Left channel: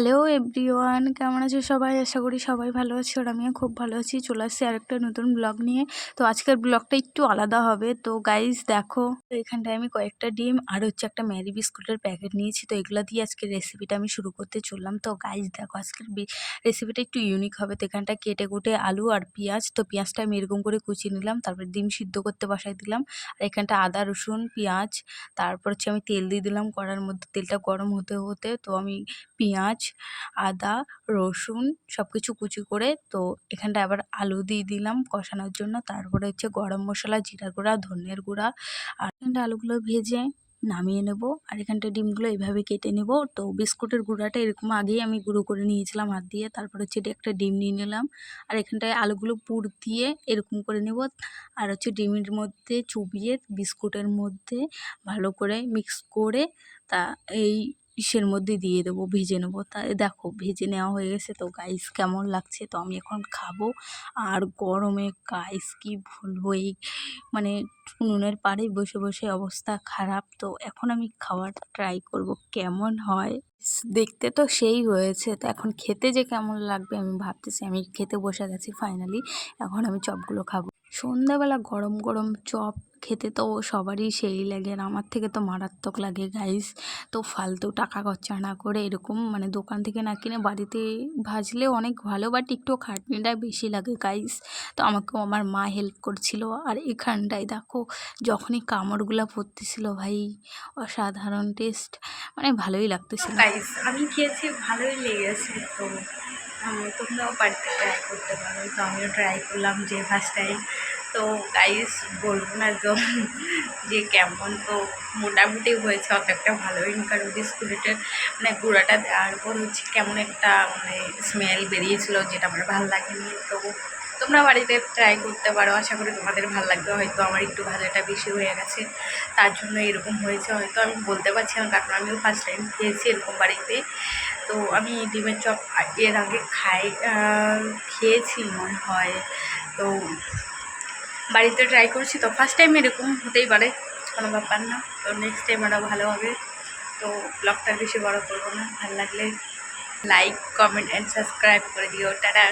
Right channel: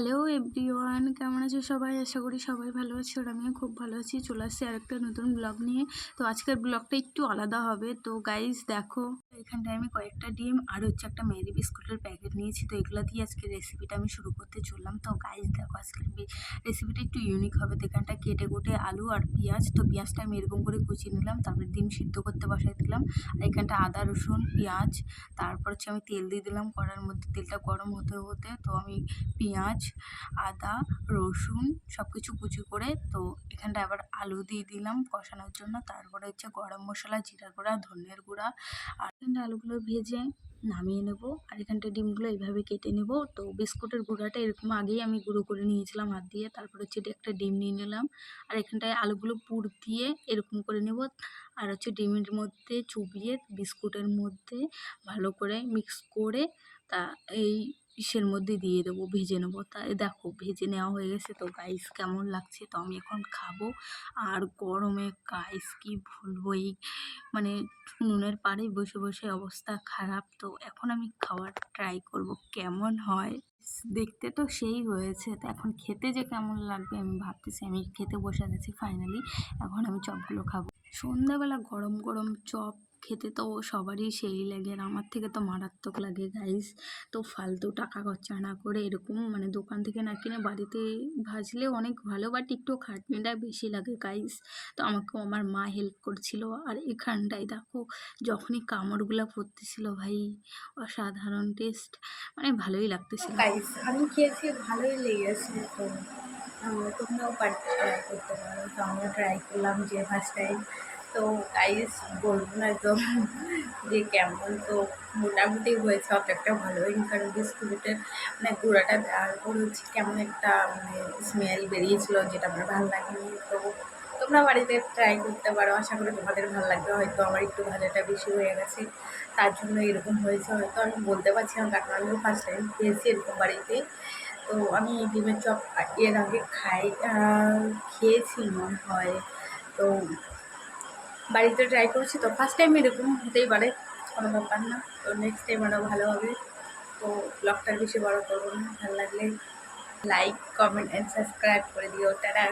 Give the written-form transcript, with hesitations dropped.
Hello everyone, কেমন আছো সবাই? আশা করি সবাই ভালো আছে আর আমিও খুব ভালো আছি। চলে আসছি আরেকটা নতুন ব্লগ নিয়ে। তো আজকের ব্লগটা একটু আলাদা হবে। তো গাইস দেখো, তো এখানটায় আমি কয়েকটা ডিম আর হচ্ছে একটা ম্যারি বিস্কুটের প্যাকেট নিয়েছি। তো এগুলো দিয়ে আজকের রেসিপিটা আমি শুরু করতে চললাম। তো গাইস দেখো, আজকের রেসিপিটা একটু ইউনিক হবে। তো এখানটা কেটে কুটে আলু আর পেঁয়াজ, তো পেঁয়াজটা আমি এরকম করে কুচিয়ে নিলাম, তারপরে ডিম সিদ্ধ করতে বসাই দিলাম। আর এখানটা আদা রসুন পেঁয়াজ, তারপর হচ্ছে আমি তেল দিয়ে দিলাম কড়ার মধ্যে। তেলটা গরম হতে হতে তো আমি পেঁয়াজ, আদা, রসুন সব কিছু কুচি করে তো এখানটায় আবার আলু দিয়ে দিলাম কষানোর জন্য। তারপরে হচ্ছে গরম মশলা, জিরা গুঁড়া, ধনের গুঁড়া, আর এখানটা আলুগুলো ভেজে নামিয়ে নেব। আর এখানটা ডিমগুলো এইভাবে কেটে নেব। তো বিস্কুটের গুঁড়াটা এরকম আগেই আমি গুঁড়ো করে নিয়েছিলাম হাত দিয়ে। তারপর হচ্ছে একটা ডিম নিয়ে নিলাম, আর এখানটায় আলুগুলো পুর দিয়ে এরকম করে নেব। আর হচ্ছে ডিমের মধ্যে চুবিয়ে বিস্কুটের মধ্যে ভালো করে মিক্স করে তা এই ইসের মধ্যে দিয়ে দেবো, ভেজে নেবো। তাই দেখো ভেজে নেওয়া হয়ে গেছে। তো গাইস কেমন লাগছে, তো আমি এখন খাবো। আর গরমে গাইস কি বলবো, এই মানে উনুনের পাড়ে বসে বসে অবস্থা খারাপ। তো এখন আমি খাওয়ার ট্রাই করব কেমন হয়। দেখতে তো সেই হয়েছে, তো এখন খেতে যে কেমন লাগবে আমি ভাবতেছি। আমি খেতে বসে গেছি ফাইনালি। এখন আমি চপগুলো খাবো। সন্ধ্যাবেলা গরম গরম চপ খেতে তো সবারই সেই লাগে, আর আমার থেকে তো মারাত্মক লাগে গাইস। তো ফালতু টাকা খরচা না করে এরকম মানে দোকান থেকে না কিনে বাড়িতে ভাজলে অনেক ভালো, বাট একটু খাটনিটা বেশি লাগে গাইস। তো আমাকেও আমার মা হেল্প করছিল। আর এখানটায় দেখো, যখনই কামড়গুলো পড়তেছিল ভাই, অসাধারণ টেস্ট, মানে ভালোই লাগতেছিল গাইস। আমি খেয়েছি, ভালোই লেগেছে। তো তোমরাও বাড়িতে ট্রাই করতে পারো। তো আমিও ট্রাই করলাম যে ফার্স্ট টাইম। তো গাইস বলবো না তো যে কেমন, তো মোটামুটি হয়েছে, অত একটা ভালো হয়নি, কারণ বিস্কুটের মানে গুঁড়াটা দেওয়ার পর হচ্ছে কেমন একটা মানে স্মেল বেরিয়েছিল, যেটা আমার ভালো লাগেনি। তো তোমরা বাড়িতে ট্রাই করতে পারো, আশা করি তোমাদের ভালো লাগবে। হয়তো আমার একটু ভাজাটা বেশি হয়ে গেছে, তার জন্য এরকম হয়েছে হয়তো, আমি বলতে পারছি না, কারণ আমিও ফার্স্ট টাইম খেয়েছি এরকম বাড়িতে। তো আমি ডিমের চপ এর আগে খেয়েছি মনে হয়। তো বাড়িতে ট্রাই করছি, তো ফার্স্ট টাইম এরকম হতেই পারে, কোনো ব্যাপার না। তো নেক্সট টাইম আরও ভালো হবে। তো ব্লগটা বেশি বড় করবো না, ভালো লাগলে লাইক, কমেন্ট অ্যান্ড সাবস্ক্রাইব করে দিও। টাটা।